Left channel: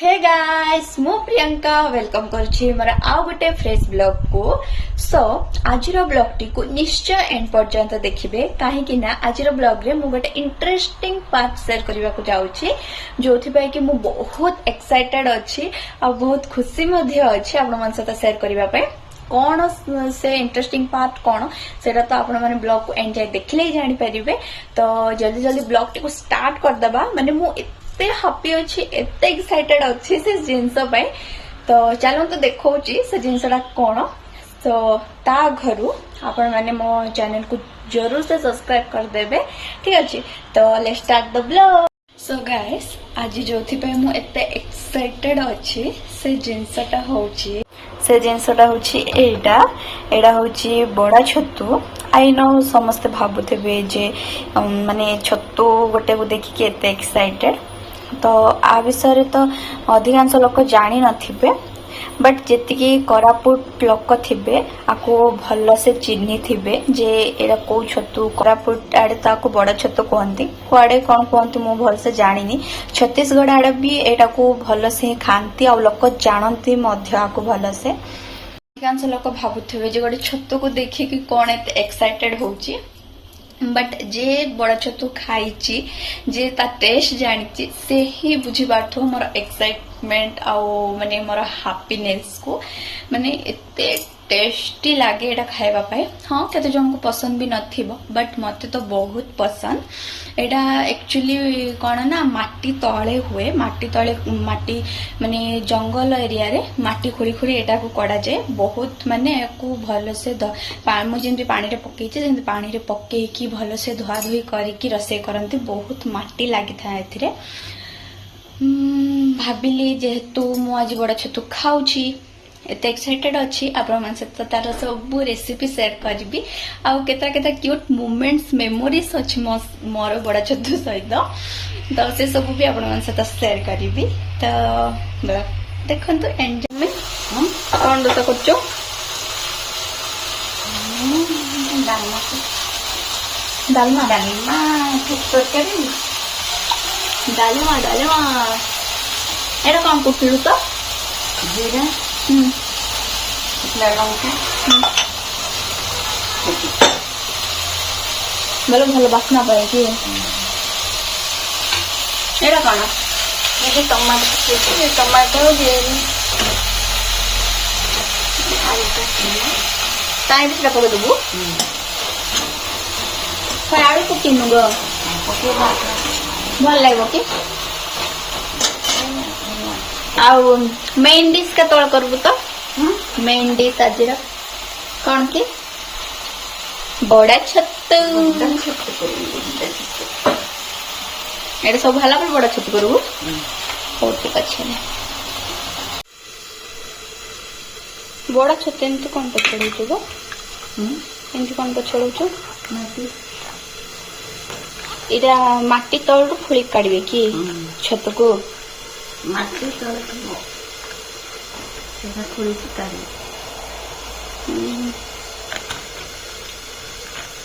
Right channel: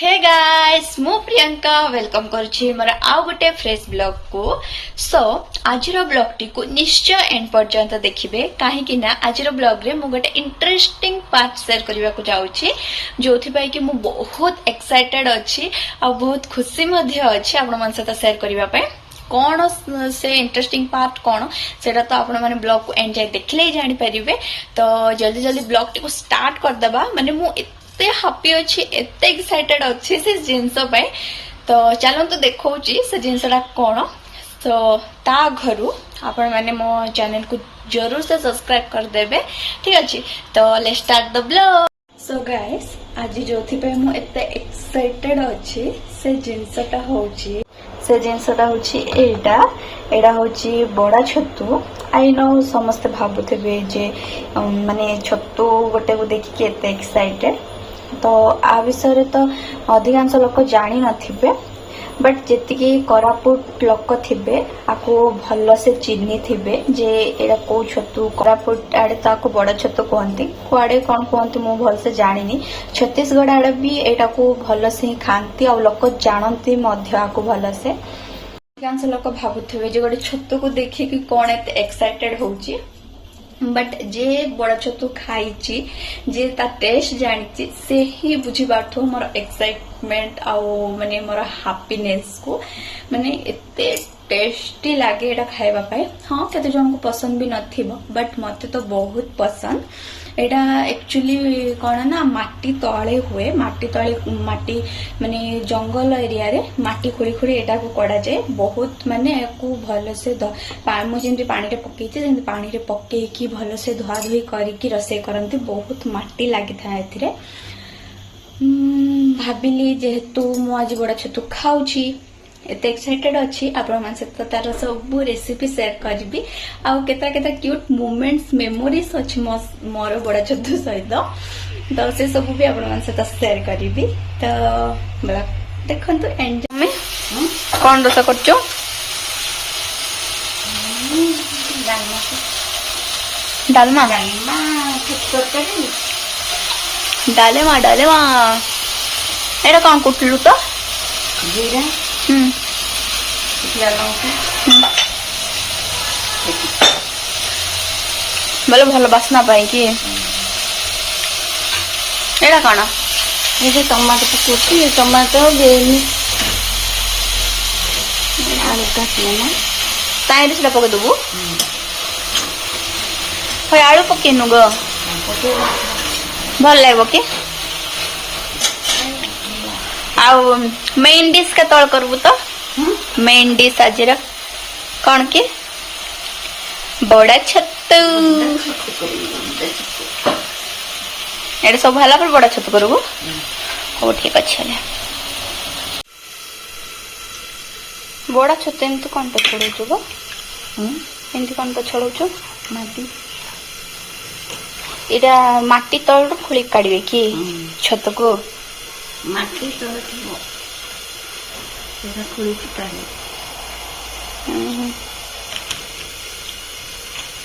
Hey guys मु Priyanka welcome करुछि मोर आउ गोटे फ्रेश ब्लॉग को सो आज ब्लॉग टी को निश्चय एंड पर्यंत देखिबे काहे ना आज ब्लॉग रे मु गोटे इंटरेस्टिंग पार्ट शेयर करबा को जाउछि जोथि पई कि मु बहुत एक्साइटेड अछि आ बहुत खुशी मध्ये अछि आपण मन साथ शेयर करबा पे कौन से इंटरेस्टिंग पार्ट कौन सेटा तो आपण माने ब्लॉग को एंड जाय देखले ही जानि परिबे। तो जल्दी जल्दी ब्लॉग टी को स्टार्ट कर दबा माने मु एते हैप्पी अछि एते एक्साइटेड अछि से जिंस पे। तो चलो तो देखौची से जिंसटा कौन तो ता घरु आपण माने मो चैनल को जरूर से सब्सक्राइब कर देबे ठीक अछि। तो let's start the blog. So guys आज जोथि पे मु एते एक्साइटेड अछि से जिंसटा होची से जिनसटा होची एडा होची बड़ा छतु आई नो समस्त भाबुथे जे माने छतु गोटे को देखि के एते एक्साइटेड। तो आ विषय तो अधिकांश लोक जानी नथिबे बट जेतिकी कोरापुट लोक थिबे आको भल से चिन्ही थिबे जे एडा को छतु कोरापुट आडे ताको बड़ा छतु कहंती कुआडे कोन कहंती मु भल से जानिनी। छत्तीसगढ़ आडे भी एटा को भल से खांती आ लोक जानंती मध्य आको भल से अधिकांश लोक भाबुथिबे जे गोटे छतु को देखि कि कोन एते एक्साइटेड होची बट जे बड़ा छतु खाइची जे ता टेस्ट जानिची से ही बुझी पारथो मोर एक्साइटमेंट आउ माने मोर हैप्पीनेस को माने एते टेस्टी लागे एटा खाइबा पाए। हाँ केते जन को पसंद भी नथिबो बट मते तो बहुत पसंद। एटा एक्चुअली कोन ना माटी तळे हुए माटी तळे माटी माने जंगल एरिया रे माटी खोली खोली एटा को कड़ा जाए बहुत माने को भलो से मु जेंति पानी रे पकेइचे जेंति पानी रे पकेइ की भलो से धुआ धुई करी की रसे करंती बहुत माटी लागि था एथिरे। भाबिली जेहेतु मु आज बड़ा छतु खाउची एते एक्साइटेड अछि आपण मन सहित तार सब रेसिपी शेयर करबी आ केता केता क्यूट मोमेंट्स मेमोरीज अछि मोर बड़ा छतु सहित तो से सब भी आपण मन सहित शेयर करबी। तो बड़ा देखंतु एंजॉय में कोन रोसा करचो डालमा डालेमा एटा कोन कुटलु तो जीरा बोलो भल बासना पाई कि एटा कौन ये टमाटो टमाटो ताई से पके देबू फय आलू पकेनु ग भल लागबो कि आउ मेन डिश के तोड़ करबू तो मेन डिश आज कौन की बड़ा छतु एटा सब भला पर बड़ा छतु करबू हो ठीक अच्छा बड़ा छतु एमती कौन पे छोड़ू गो एमती कौन पे छोड़ू माटी एटा माटी तळु खोली काढबे कि छतु को माटी तळे थो सेरा खोली काढे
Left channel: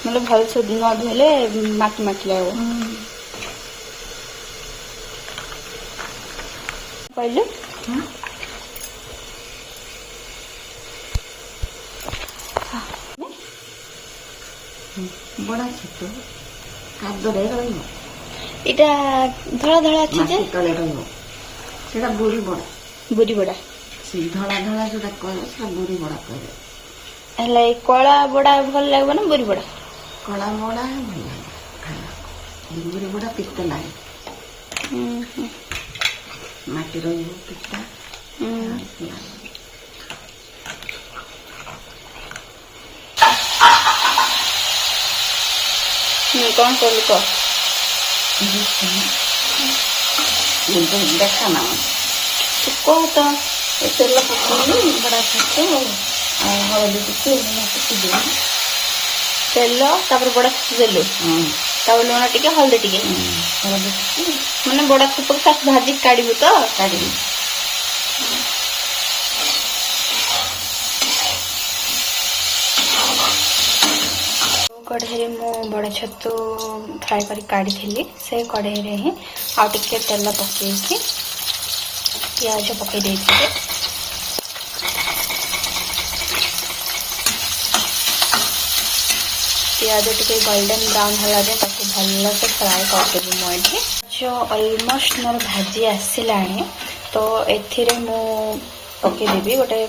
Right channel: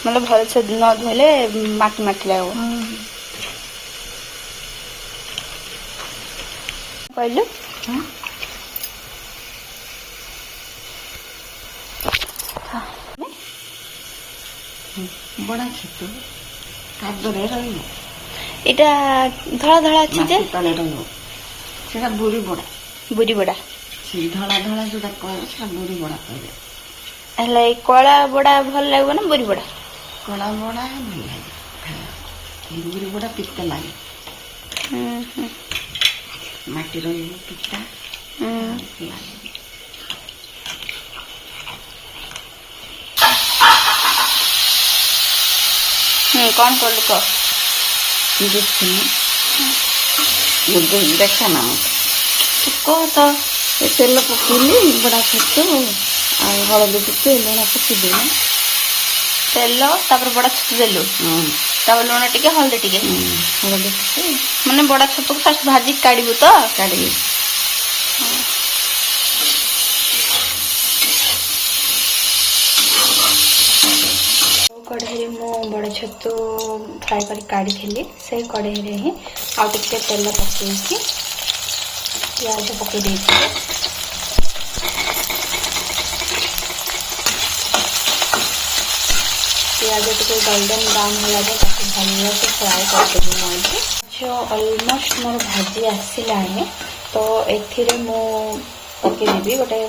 मतलब भल से न धोले माटी माटी लागो कहले बड़ा छतु कादरे रहइबो एटा धळा धळा अछि जे तळे रहइबो सेटा बुरी बड़ा से धळा धळा जोटा कहले सेटा बुरी बड़ा कहले एला कला बड़ा भल लागबो ना बुरी बड़ा कला बड़ा भल लागे बुरी बड़ा पित्त लागे माटी रहइबो पित्ता कौन कर को देखा ना तो कह तो तेल पकड़ी बड़ा तेल तापर बड़ा छतु देलु तापर लुण टिके हल्दी टिके माने बड़ा छतु को फास्ट भाजी काढिबु तो काढिबु कढ़ाई मु बड़ा छतु फ्राए कर काढ़ी से कढ़ाई रे ही आउ टिके तेल पकेकी पियाज पकई देइथिले पियाज टिके गोल्डन ब्राउन होला जे ताको भल से फ्राई करदेबी मुझे जो ऑलमोस्ट मोर भाजी आसिलाणी तो एथिरे मु पकई देबी गोटे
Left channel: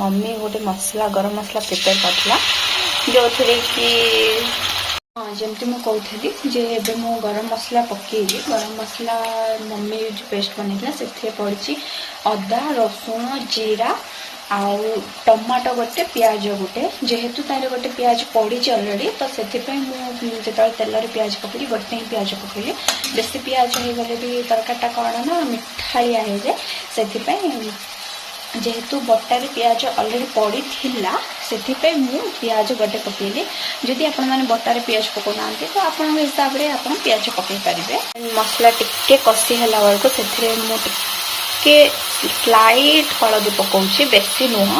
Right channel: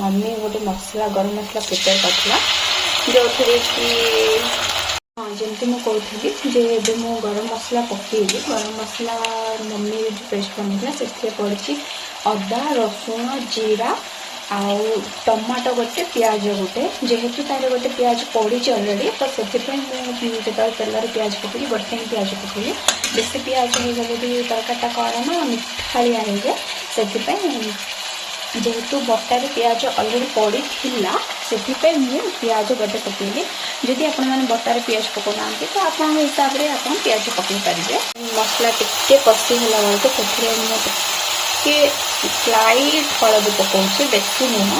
मम्मी गोटे मसला गरम मसला प्रिपेयर करथिला जो थरे कि जमती मु कहथली जे एबे मु गरम मसला पकेइली गरम मसला मम्मी जो पेस्ट बनेला सेथे पड़ची अदा रसुण जीरा आउ टमाटो गोटे पियाज गोटे जेहेतु तारे गोटे पियाज पड़ी ऑलरेडी तो से मुझे तेल पियाज पकड़ी गोटे ही पियाज पकड़ी बेसी पियाज हो गले भी तरकाटा कौन ना मिठाड़िया हो जाए से जेहेतु बटारे पियाज ऑलरेडी पड़ी थिला से मु पियाज गोटे पकेली जदि आपण माने बटारे पियाज पकोना तो आपण हिसाब रे आपण पियाज पकई पारिबे मसला टिके कसी हला बेलको सेथिरे मु टिके स्लाइट हळदी पकाउछि बेसी नुह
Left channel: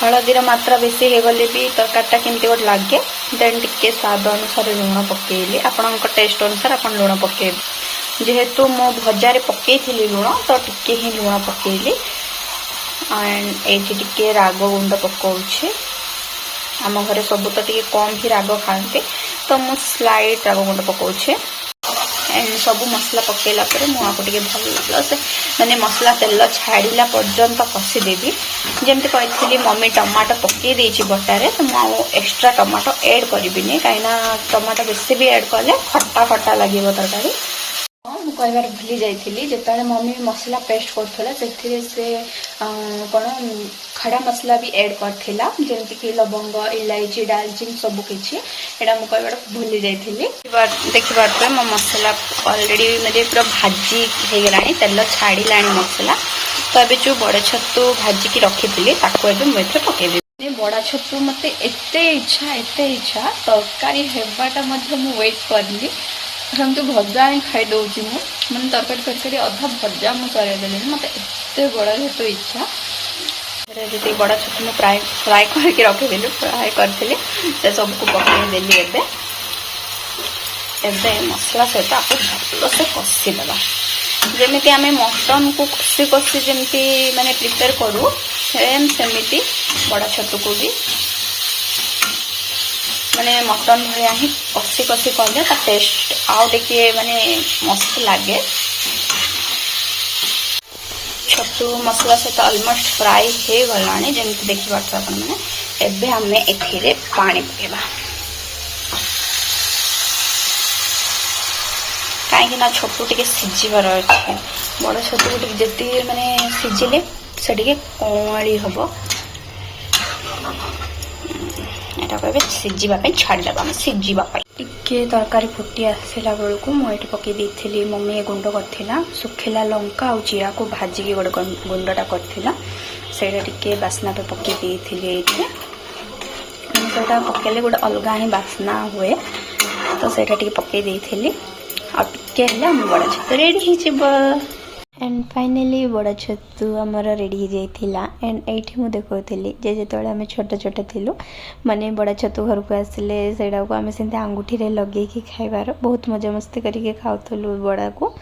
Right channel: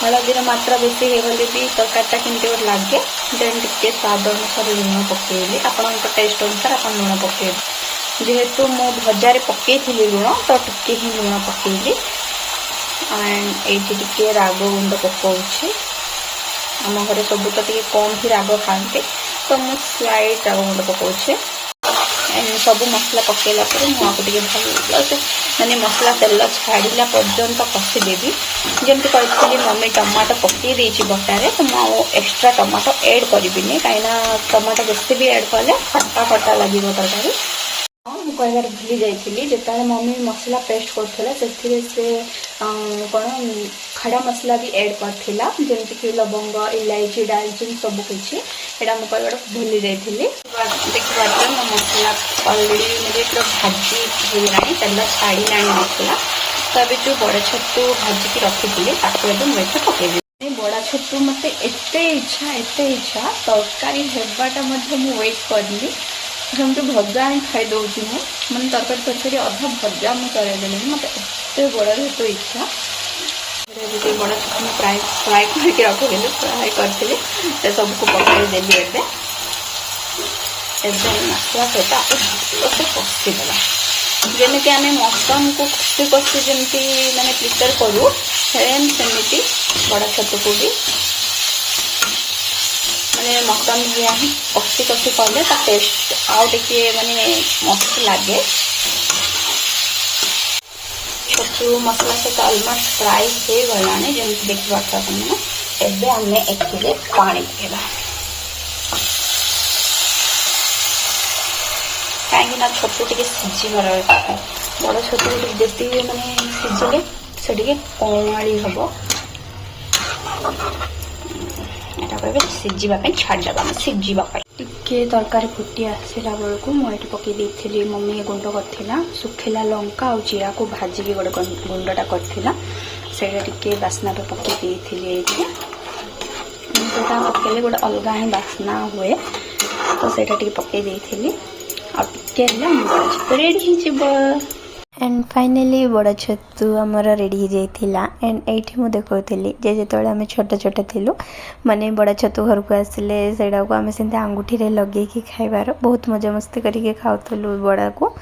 हळदीर मात्रा बेसी हे गले भी तरकारीटा केमती गोटे लागे देन टिके स्वाद अनुसार लुण पकेली आपण टेस्ट अनुसार आपण लुण पकेबे जेहेतु मो भजारे पकेइथिली लुण तो टिके ही लुण पकेली एंड एठी टिके राग गुंड पकाउछि आम घरे सब तो टिके कम ही राग खाते तो मु स्लाइट राग गुंड पकाउछि एंड सब मसला पकेला पर मु आपको टिके भल से माने मसला तेल छाड़ीला पर्यंत कसी देबी जेमती कहथिली मम्मी टमाटो पकई देछि बटारे तो मु एक्स्ट्रा टमाटो ऐड करबिनी काइना टमाटो बेसी भी ऐड करले खट्टा खट्टा लागिबो तरकारी मुझे कहबार भूली जाइली जिते मम्मी मसला पेस्ट करथिला से कौन खड़ा मसला भी ऐड करथिला जेमती कि लवंग इलायची दालचीनी सब किछि एडा मु कहबार भूली जाइली देखि बात मो मसला ऑलरेडी म्हणजे पूरा भाजी हे गलानी तेल छाड़ीलानी मसला तो अबे जो बड़ छतु भाजी की रखी ताको एबे मु एथे पकेबी बड़ा छतु मते एते इच्छा तरकारी हेबाटा मध्य मु वेट करली हम तो भजा ही खाई दौची मैंने तरकारी कर अधा भजा मुझे मत एत बड़ा छतु इच्छा जी बड़ा छतु मैं फ्राए करके रखिदेली फ्राए करी सबको पकईदेली एबे मसला सहित आप भल से कषिदेवा जमी आम मटन को कषि कषि जमी मैंने प्रिपेयर करूँ सेम सेमती बड़ा छतु को भी माने मटन भाया ही कषि कषि कले टेस्ट आउ टे माने मस्त लगे छतु मसला सहित ऑलमोस्ट फ्राई हो गला जमी देखा एबे आम एथिरे पानी पकेबा कहीं छतु टे सीझीबार अच्छे बड़ छतु जी माने सीझिले से कौड़ी हम कहे सीझापी छाड़देवा सीझापी टिके तरकारी फुटी आसला बेलू मुझे पकई देती मम्मी गुंड करथिला सुखिला लंका और जीरा को भाजिकी गोटे गुंडटा करथिला सेटा टिके बास्ना पे पकई देती पकेले गोटे अलग ही बास्ना हुए तो सेटा टिके पकई देती और टिके बड़ा छतु रेडी हो एंड फाइनली बड़ा छतु आमर रेडी हो जाइथिला एंड एठी मु देखौथिली जे जेतोले आमे छोट छोट थिलु माने बड़ा छतु घर को आसिले सेडा को आमे सेंते अंगूठी रे लगे की खाइबार बहुत मजा मस्ती करके खाउथलु बड़ा को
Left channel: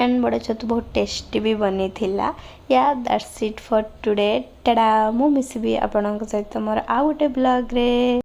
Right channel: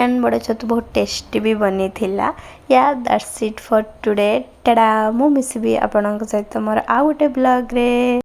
एंड बड़ा छतु बहुत टेस्टी भी बनी थिला या that's it for today Tada मु मिसबी आपनक सहित मोर आ गोटे ब्लॉग रे।